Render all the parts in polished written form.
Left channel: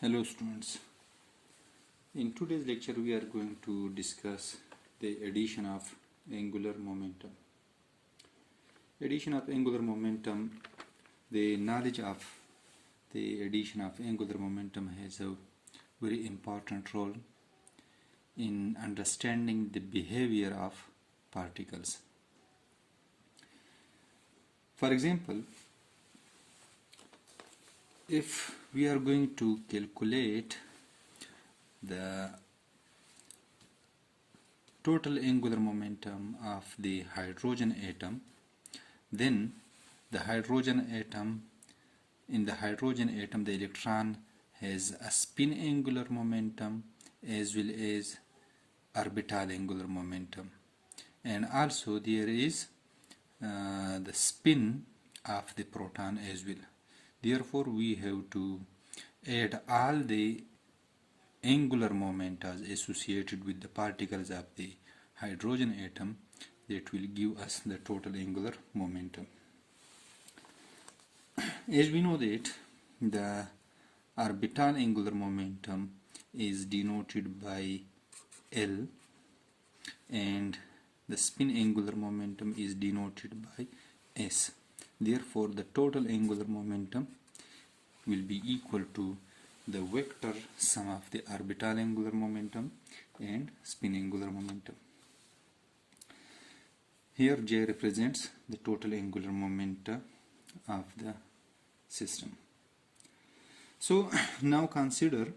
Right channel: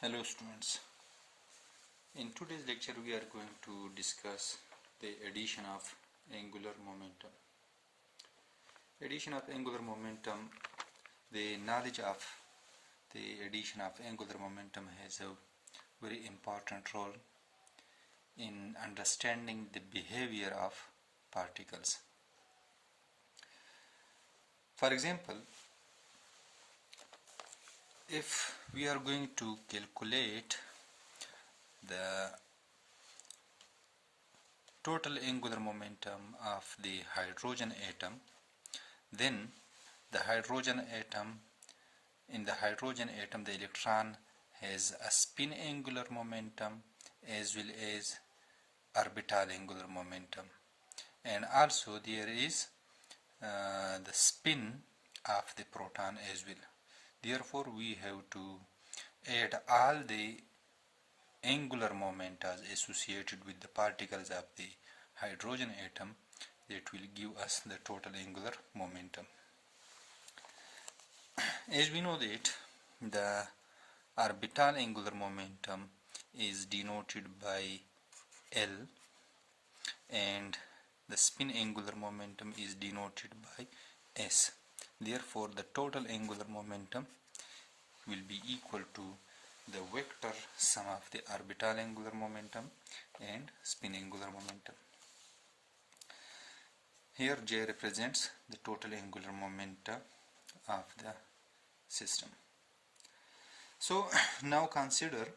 Hello students, in today's lecture we are going to discuss the addition of angular momentum. Addition of angular momentum, the knowledge of the addition of angular momentum has a very important role in understanding the behavior of particles. For example, if we are going to calculate the total angular momentum of the hydrogen atom, then the hydrogen atom, in the hydrogen atom the electron has a spin angular momentum as well as orbital angular momentum, and also there is the spin of the proton as well. Therefore we have to add all the angular momenta associated with the particles of the hydrogen atom that will give us the total angular momentum. As we know that the orbital angular momentum is denoted by L and the spin angular momentum is denoted by S. Therefore the total angular momentum will be equal to the vector sum of the orbital angular momentum and spin angular momentum. Here J represents the total angular momenta of the system. So now consider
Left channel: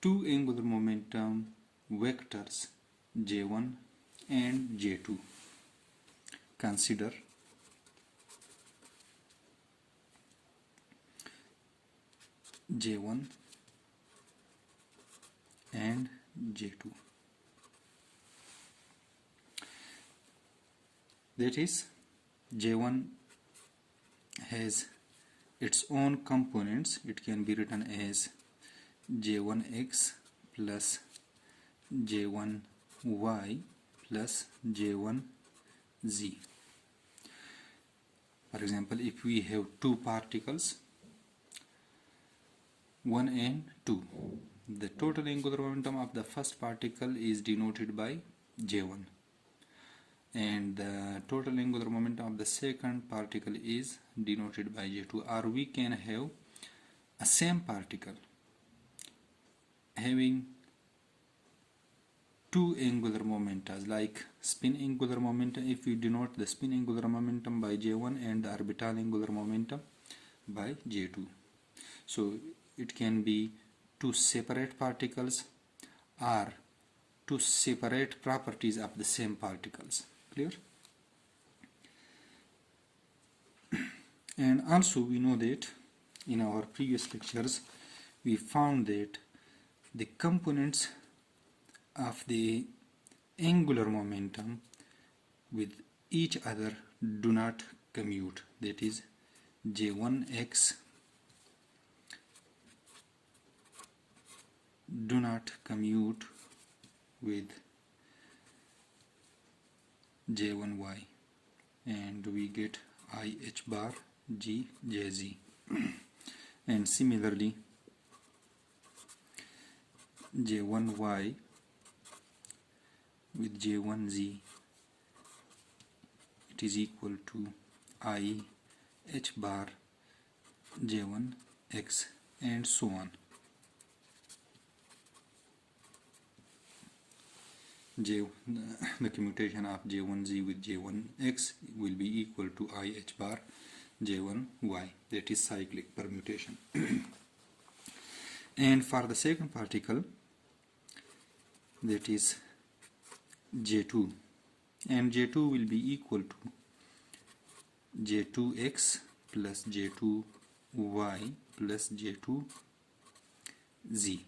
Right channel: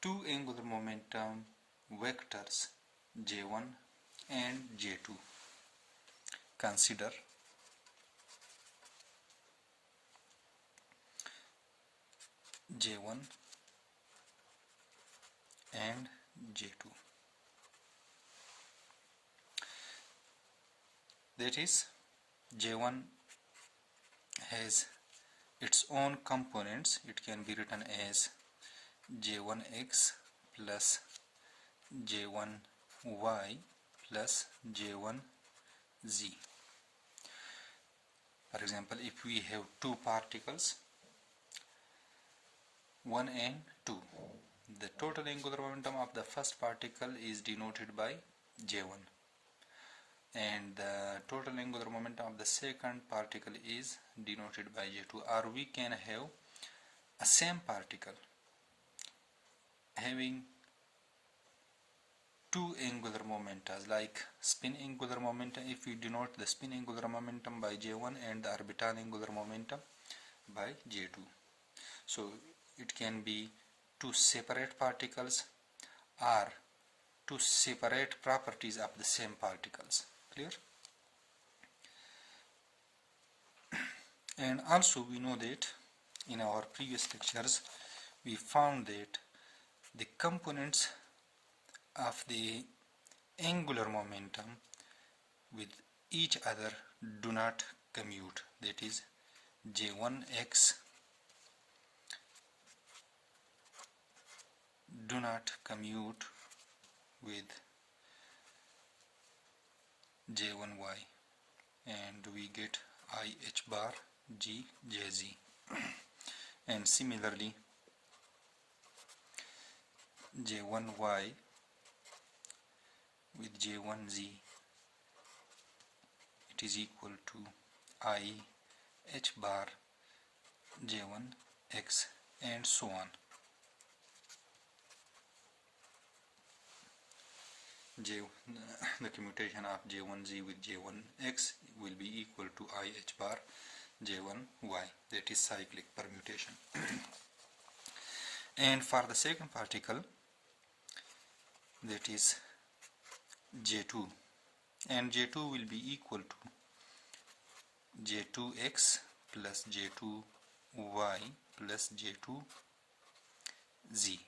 two angular momentum vectors J1 and J2. Consider J1 and J2. That is, J1 has its own components. It can be written as J1x plus J1y plus J1z. For example, if we have two particles 1 and 2, the total angular momentum of the first particle is denoted by J1 and the total angular momentum of the second particle is denoted by J2. Or we can have a same particle having two angular momenta, like spin angular momentum. If we denote the spin angular momentum by J1 and the orbital angular momentum by J2, so it can be two separate particles or two separate properties of the same particles. Clear? And also we know that in our previous lectures we found that the components of the angular momentum with each other do not commute. That is, J1x do not commute with J1y, and we get IH bar G JZ. And similarly J1y with J1z, it is equal to IH bar J1x, and so on. The commutation of J1z with J1x will be equal to IH bar J1y, that is cyclic permutation. And for the second particle, that is J2, and J2 will be equal to J2x plus J2y plus J2z.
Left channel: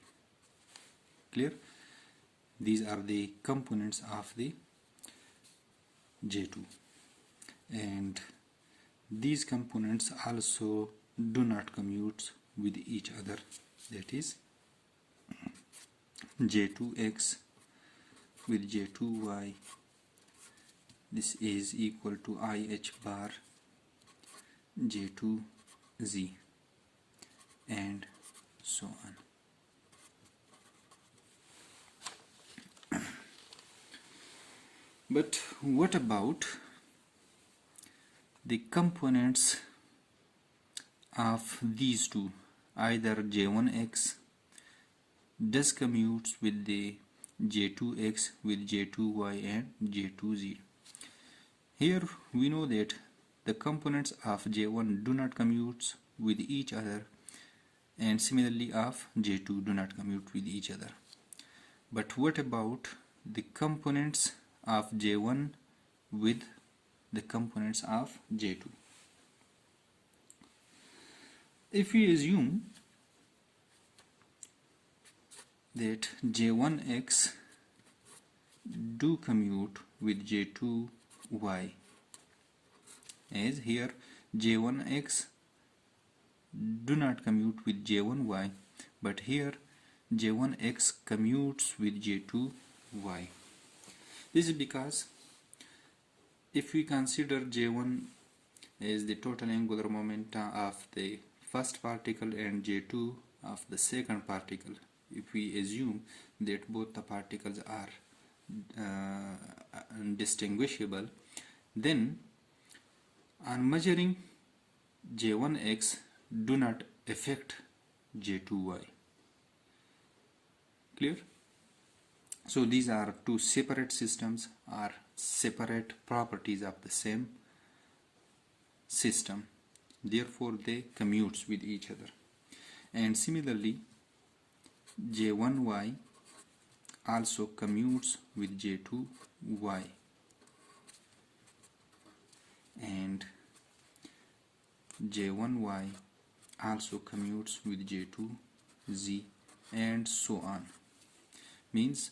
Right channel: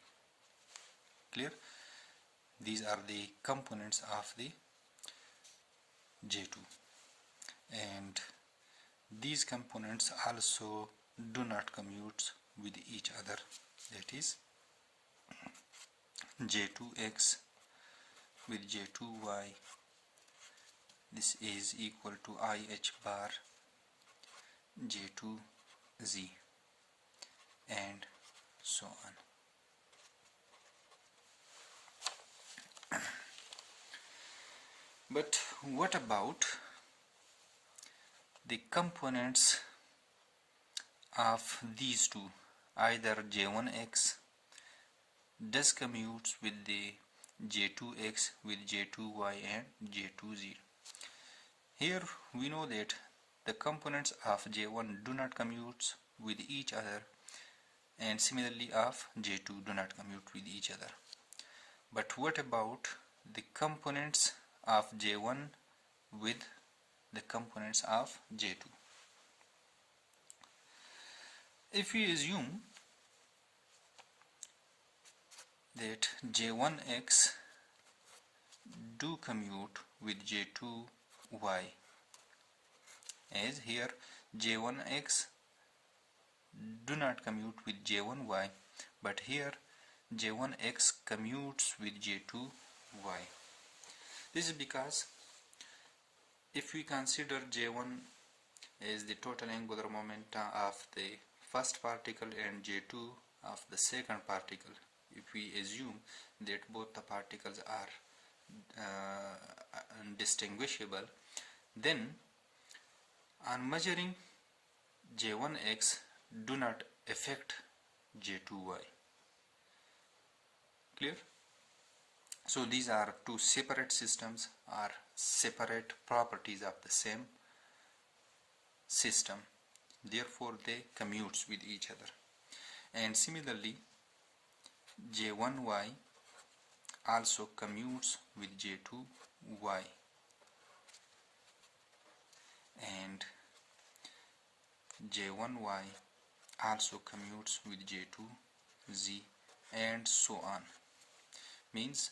Clear? These are the components of the J2, and these components also do not commute with each other. That is, J2x with J2y, this is equal to IH bar J2z, and so on. But what about the components of these two? Either J1x does commutes with the J2x with J2y and J2z. Here we know that the components of J1 do not commute with each other, and similarly of J2 do not commute with each other. But what about the components of J1 with the components of J2? If we assume that J1x do commute with J2y, as here J1x do not commute with J1y, but here J1x commutes with J2y. This is because if we consider J1 as the total angular momentum of the first particle and J2 of the second particle, if we assume that both the particles are distinguishable, then on measuring J1x do not affect J2y. Clear? So these are two separate systems or separate properties of the same system, therefore they commutes with each other. And similarly J1y also commutes with J2y, and J1y also commutes with J2z, and so on. Means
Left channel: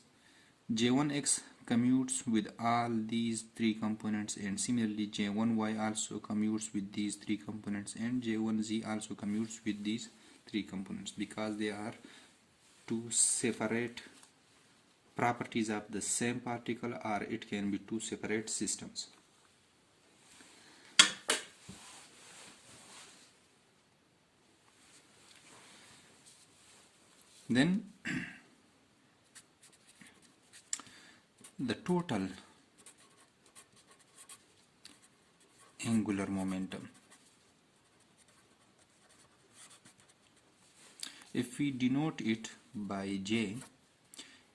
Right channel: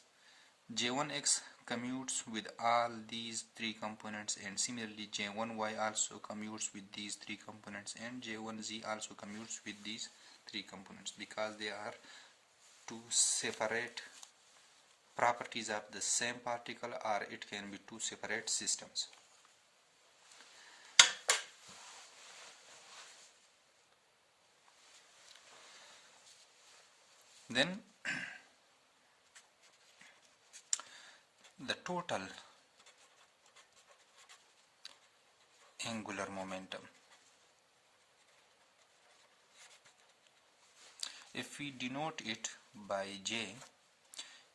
J1x commutes with all these three components, and similarly J1y also commutes with these three components, and J1z also commutes with these three components, because they are two separate properties of the same particle, or it can be two separate systems. Then the total angular momentum, if we denote it by J,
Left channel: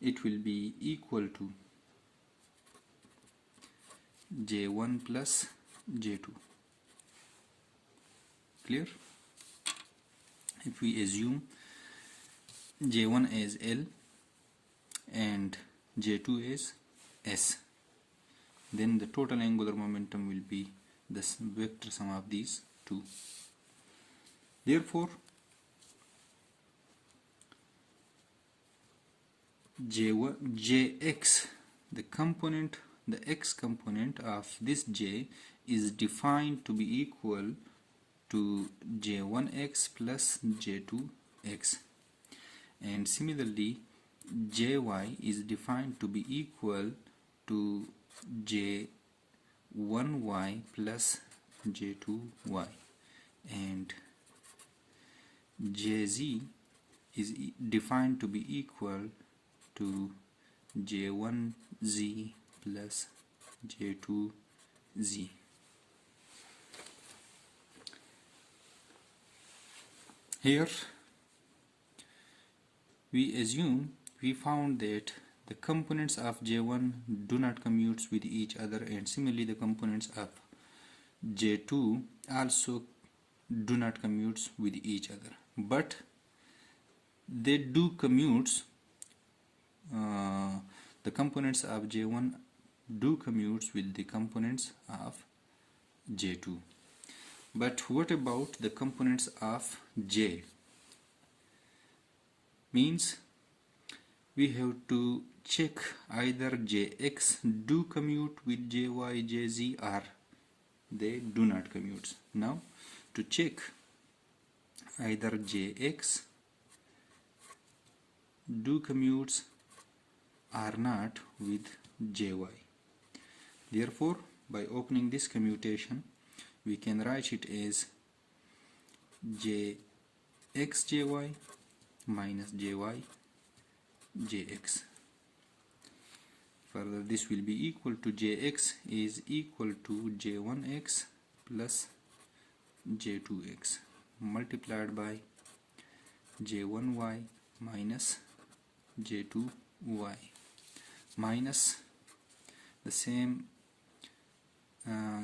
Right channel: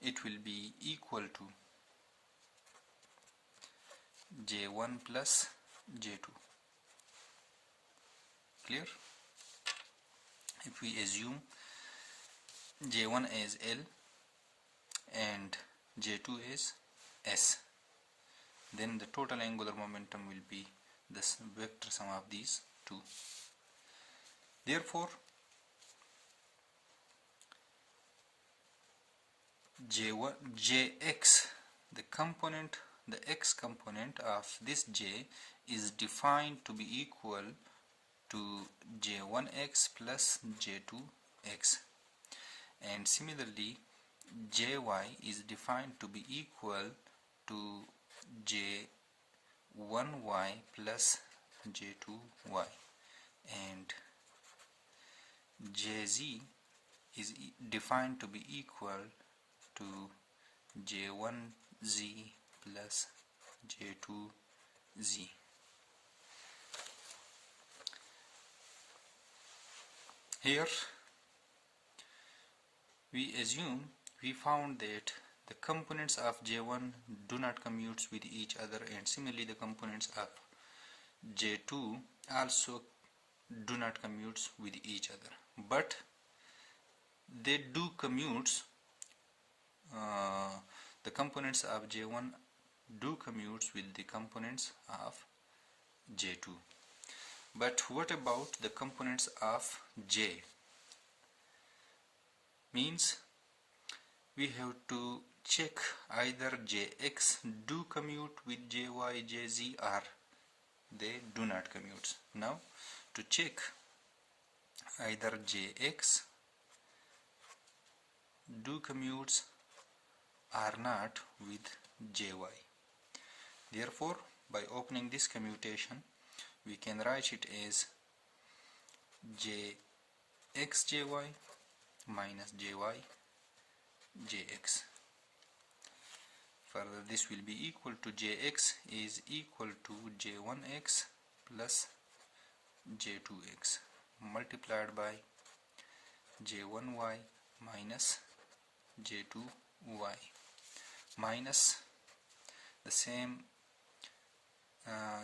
it will be equal to J1 plus J2. Clear? If we assume J1 as L and J2 as S, then the total angular momentum will be the vector sum of these two. Therefore Jx, the x component of this J is defined to be equal to J1x plus J2x, and similarly Jy is defined to be equal to J1y plus J2y, and Jz is defined to be equal to J1z plus J2z. Here we found that the components of J1 do not commute with each other, and similarly the components of J2 also do not commute with each other, but they do commute. The components of J1 do commute with the components of J2. But what about the components of J? Means we have to check either Jx do commute with Jy, Jz, or they do not commute. Now to check either Jx do commutes or not with Jy. Therefore, by opening this commutation, we can write it as Jxjy minus jy jx. Further, this will be equal to jx is equal to j1x plus j2x multiplied by j1y minus j2y minus the same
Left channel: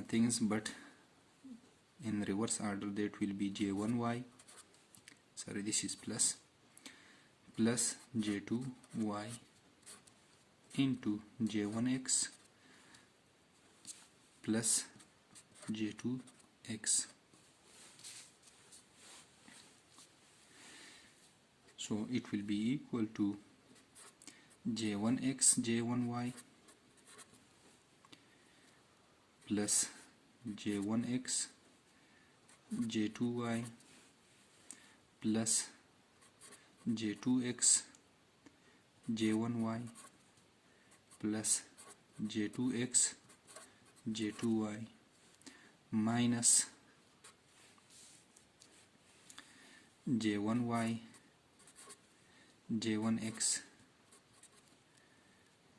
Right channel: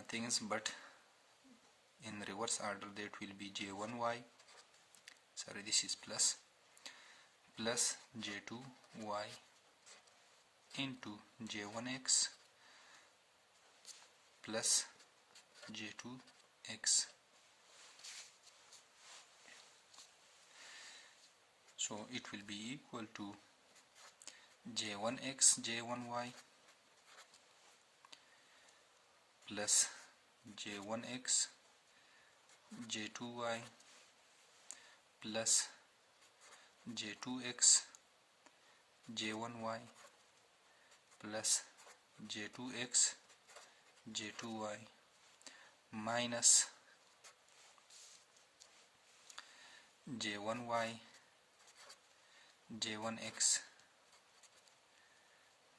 things, but in reverse order. That will be j1y, sorry, this is plus j2y into j1x plus j2x. So it will be equal to j1x j1y plus j1x j2y plus j2x j1y plus j2x j2y minus j1y j1x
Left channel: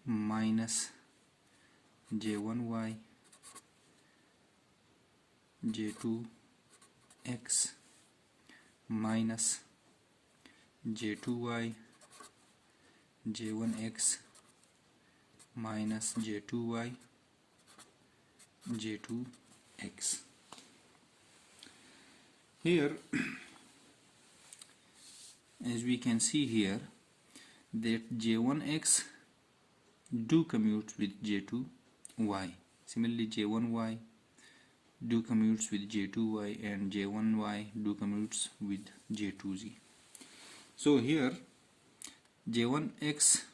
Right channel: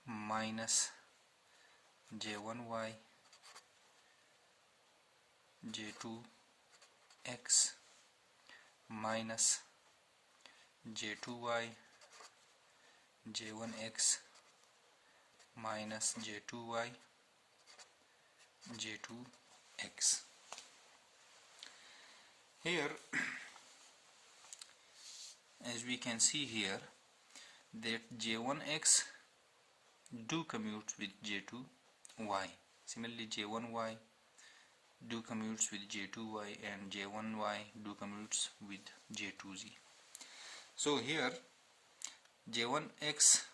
minus j1y j2x minus j2y j1x minus j2y j2x. Here as we can see here that j1x do commute with j2y. Similarly, j1y do commutes with j2y and j1y do commutes with j2z. So here j1x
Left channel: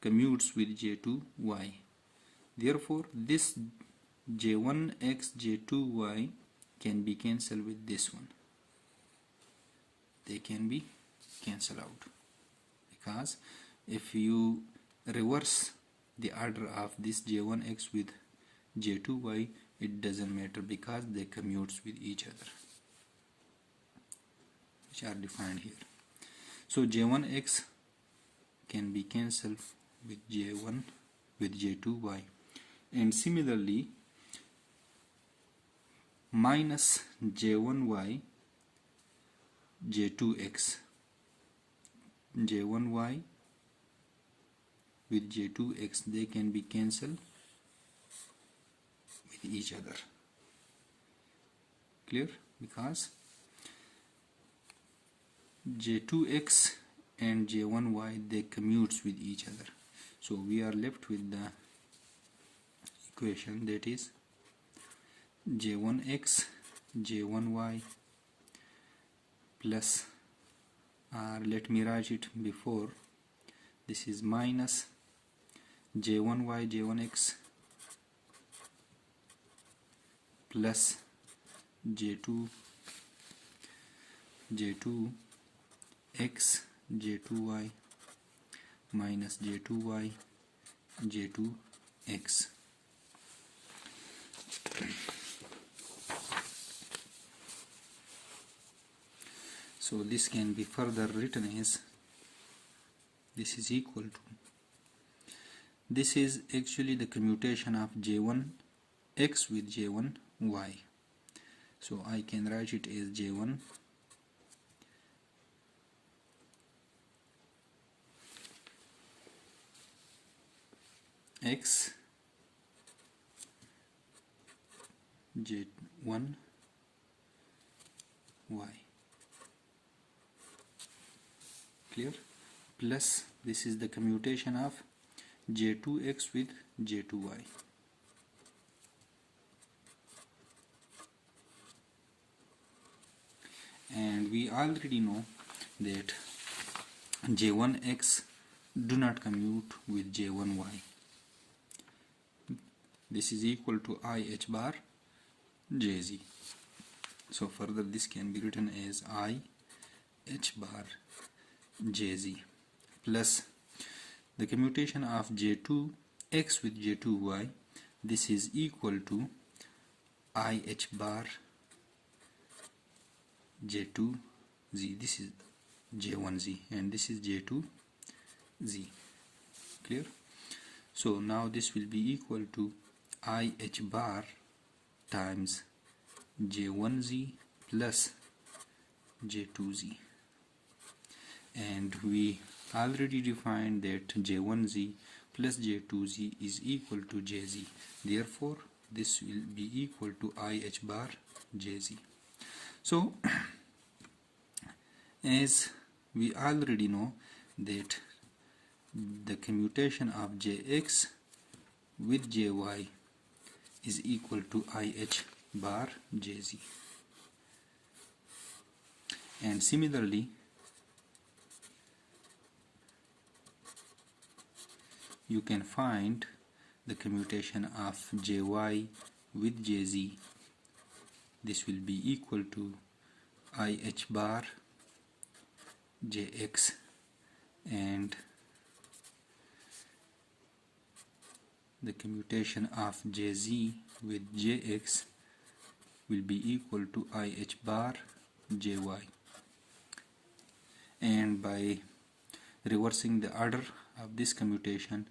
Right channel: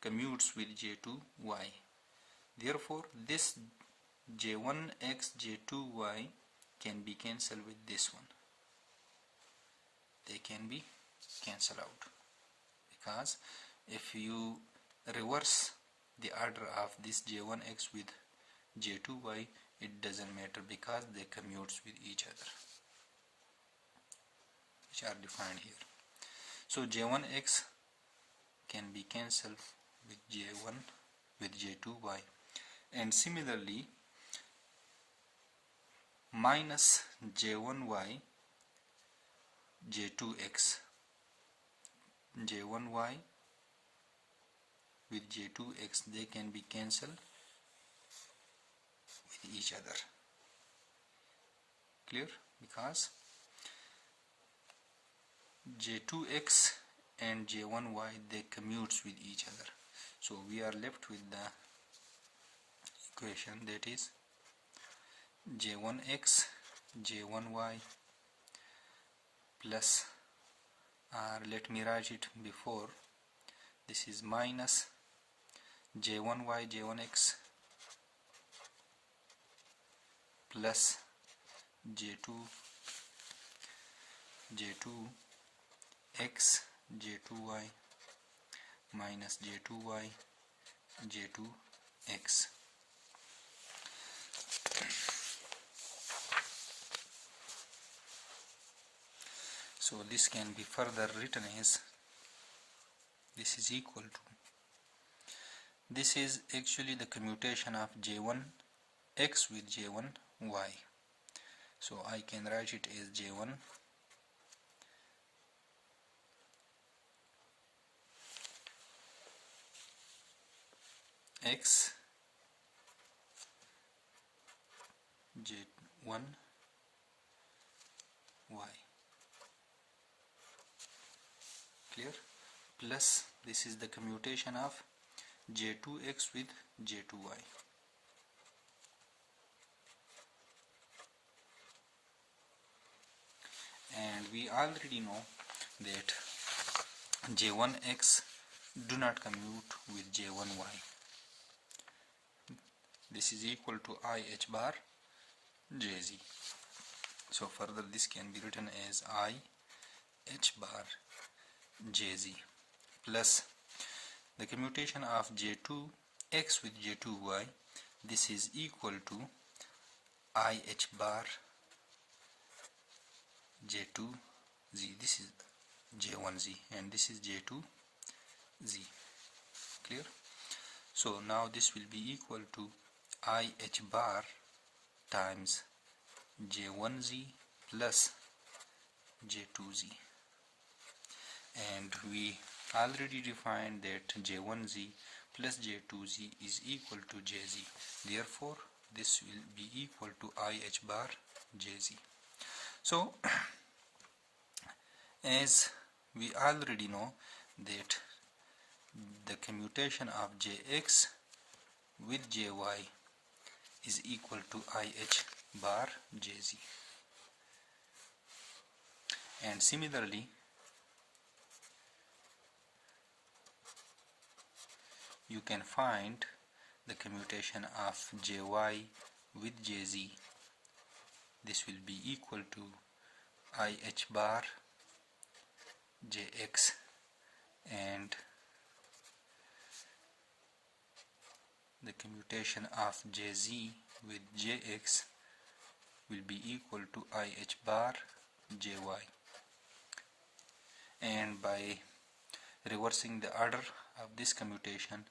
commutes with j2y. Therefore, this j1x j2y can be cancelled with this one. They can be cancelled out, because if you reverse the order of this j1x with j2y, it doesn't matter because they commutes with each other, which are defined here. So j1x can be cancelled with j1 with j2y, and similarly minus j1y j2x, j1y with j2x, they can be cancelled with each other. Clear? Because j2x and j1y, they commutes with each other. So we are left with the equation that is j1x j1y plus, let me write it before, this is minus j1y j1x plus j2x j2y minus j2y j2x. So this can be further written as, this is equal to, this is actually the commutation of j1x with j1y. So I can write it as j1 x j1 y. Clear? Plus this is the commutation of j2x with j2y. And we already know that j1x do not commute with j1y. This is equal to I h bar jz. So further this can be written as I h bar jz plus the commutation of j2x with j2y. This is equal to I h bar j2 z. This is J1z and this is J2z. Clear? So now this will be equal to IH bar times J1z plus J2z, and we already defined that J1z plus J2z is equal to Jz. Therefore this will be equal to IH bar Jz. So as we already know that the commutation of Jx with Jy is equal to IH bar Jz, and similarly you can find the commutation of Jy with Jz. This will be equal to IH bar Jx, and the commutation of Jz with Jx will be equal to IH bar Jy. And by reversing the order of this commutation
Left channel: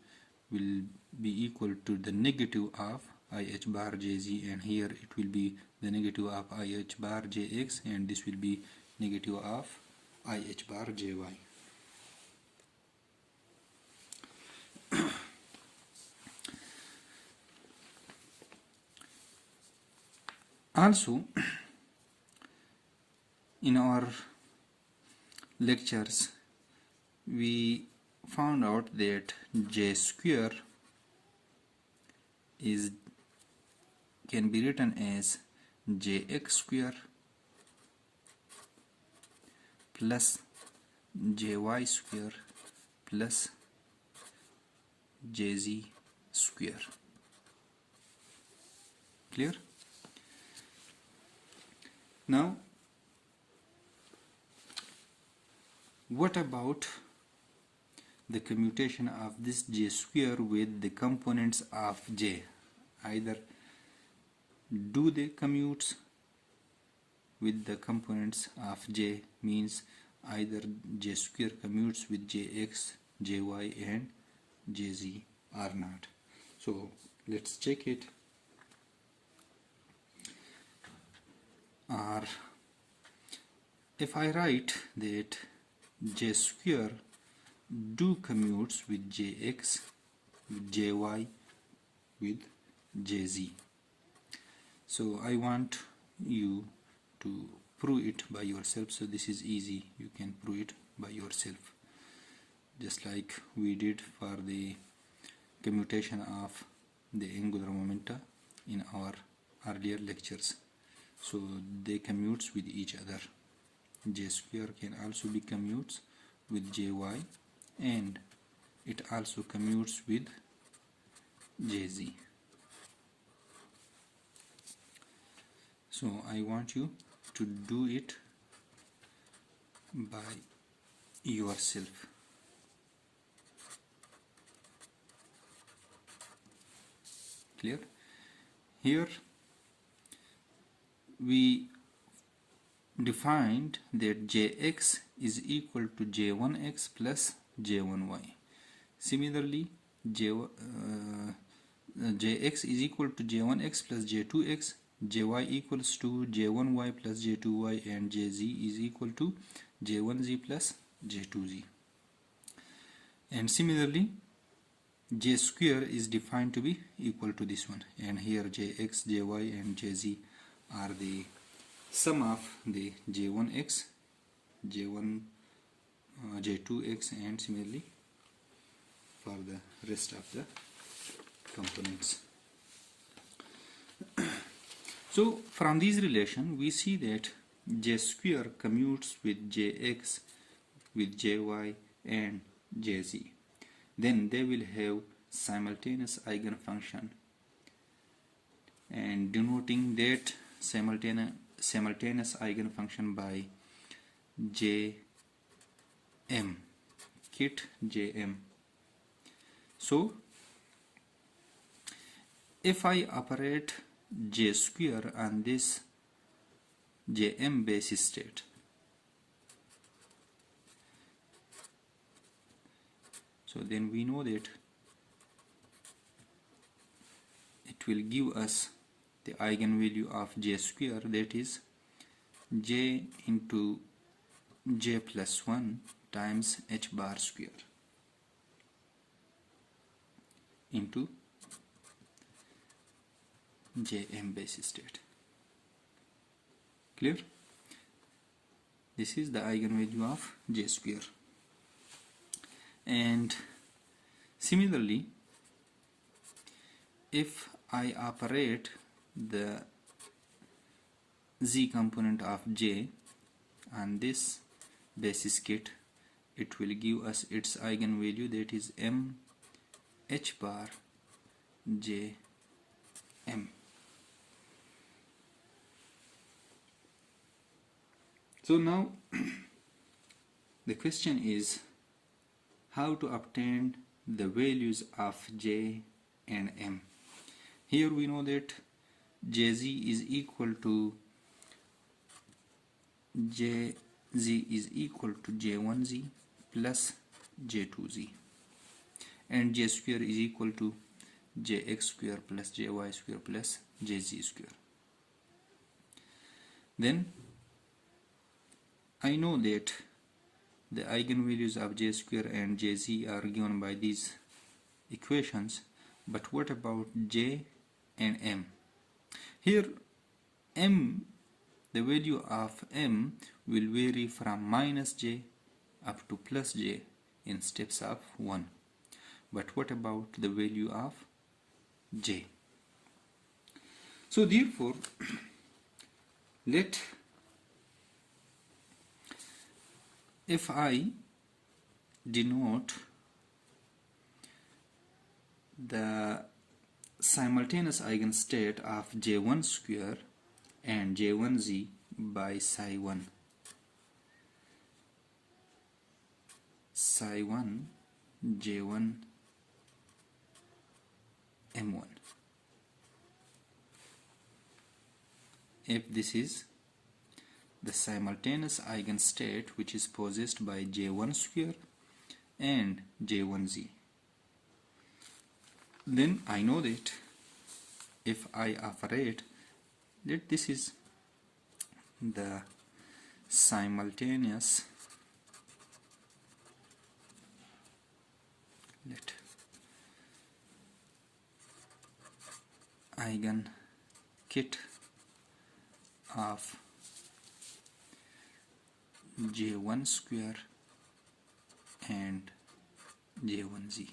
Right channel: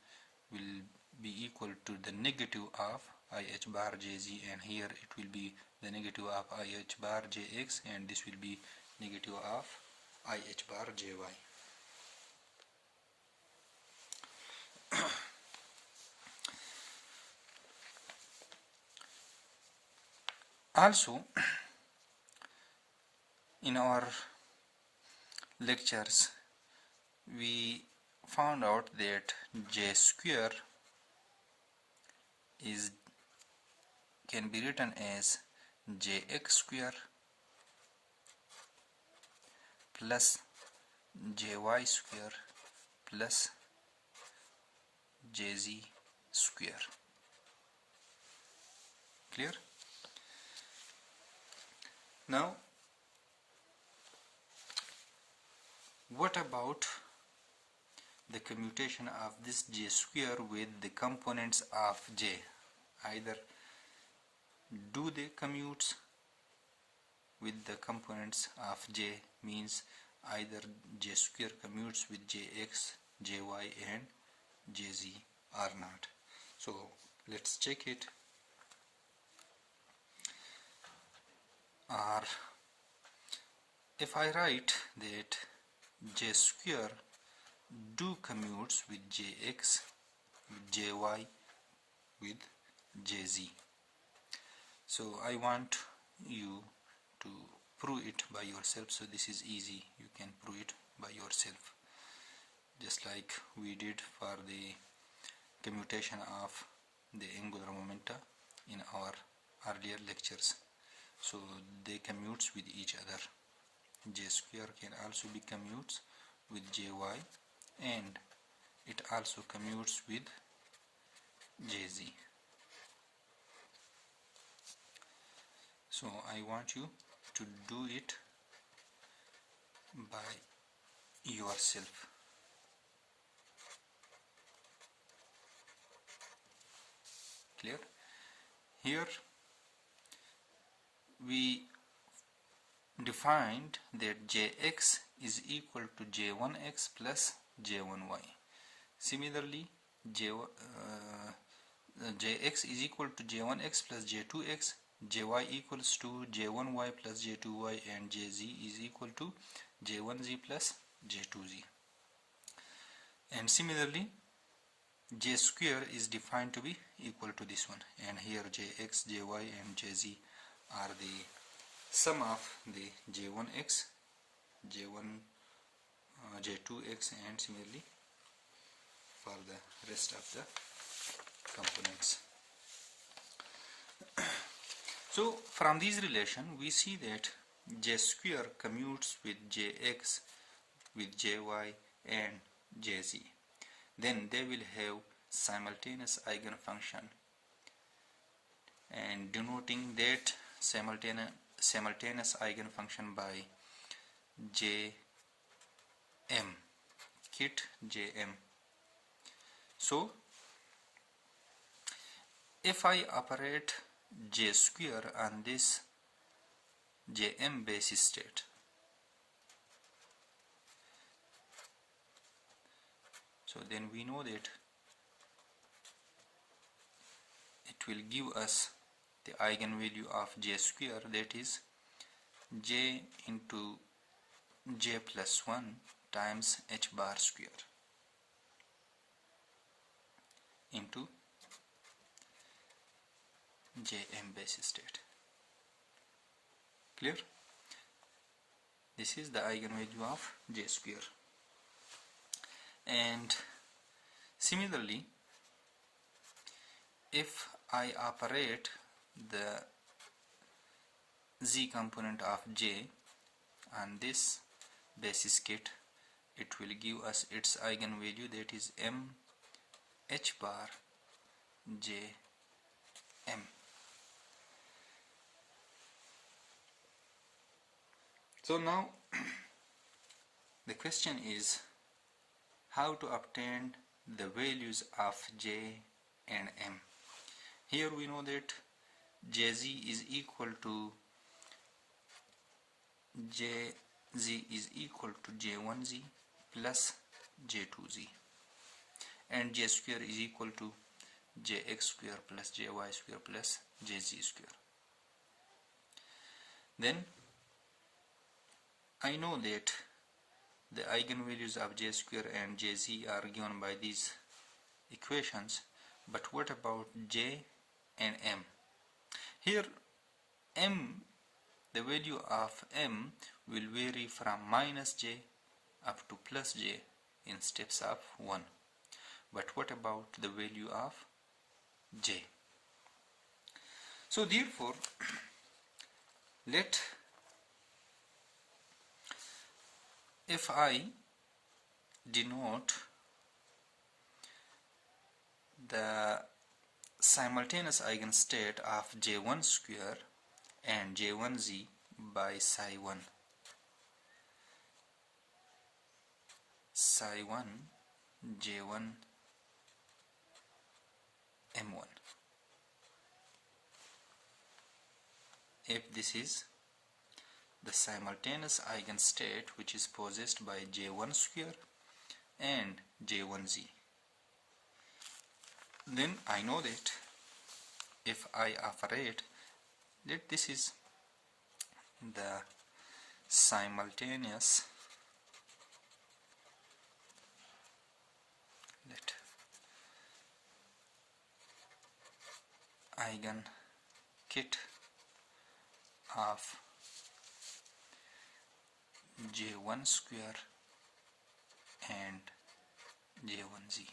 will be equal to the negative of IH bar Jz, and here it will be the negative of IH bar Jx, and this will be negative of IH bar Jy. Also, in our lectures we found out that J square can be written as Jx square plus Jy square plus Jz square. Clear? Now what about the commutation of this J square with the components of J? Either do they commute with the components of J, means either J square commutes with Jx, Jy and Jz or not. So let's check it. Or if I write that J square do commutes with Jx, with Jy, with Jz. So I want you to prove it by yourself. So this is easy, you can prove it by yourself, just like we did for the commutation of the angular momenta in our earlier lectures. So they commute with each other. J square can also be commutes with Jy, and it also commutes with Jz. So I want you to do it by yourself. Clear? Here we defined that Jx is equal to J1x plus J1y. Similarly, Jx is equal to J1x plus J2x, Jy equals to J1y plus J2y, and Jz is equal to J1z plus J2z. And similarly, J square is defined to be equal to this one, and here Jx, Jy and Jz are the sum of the J1x, J2x, and similarly for the rest of the components. So from these relation we see that J square commutes with Jx, with Jy and Jz. Then they will have simultaneous eigenfunction, and denoting that simultaneous eigenfunction by Jm, kit Jm. So if I operate J square on this Jm basis state, So then we know that it will give us the eigenvalue of j square, that is j into j plus 1 times h bar square into Jm basis state. Clear? This is the eigenvalue of j square. And similarly, if I operate the z component of j on this basis kit, it will give us its eigenvalue, that is m h bar j m. So now the question is how to obtain the values of j and m. Here we know that jz is equal to j1z plus j2z, and j square is equal to jx square plus jy square plus jz square. Then I know that the eigenvalues of j square and jz are given by these equations, but what about j and m? Here m, the value of m will vary from minus j up to plus j in steps of 1. But what about the value of j? So therefore, if I denote the simultaneous eigenstate of j1 square and j1z by psi 1 j1 m1, if this is the simultaneous eigenstate which is possessed by j1 square and j1z, then I know that if I operate that this is the simultaneous eigenkit of j1 square and j1z.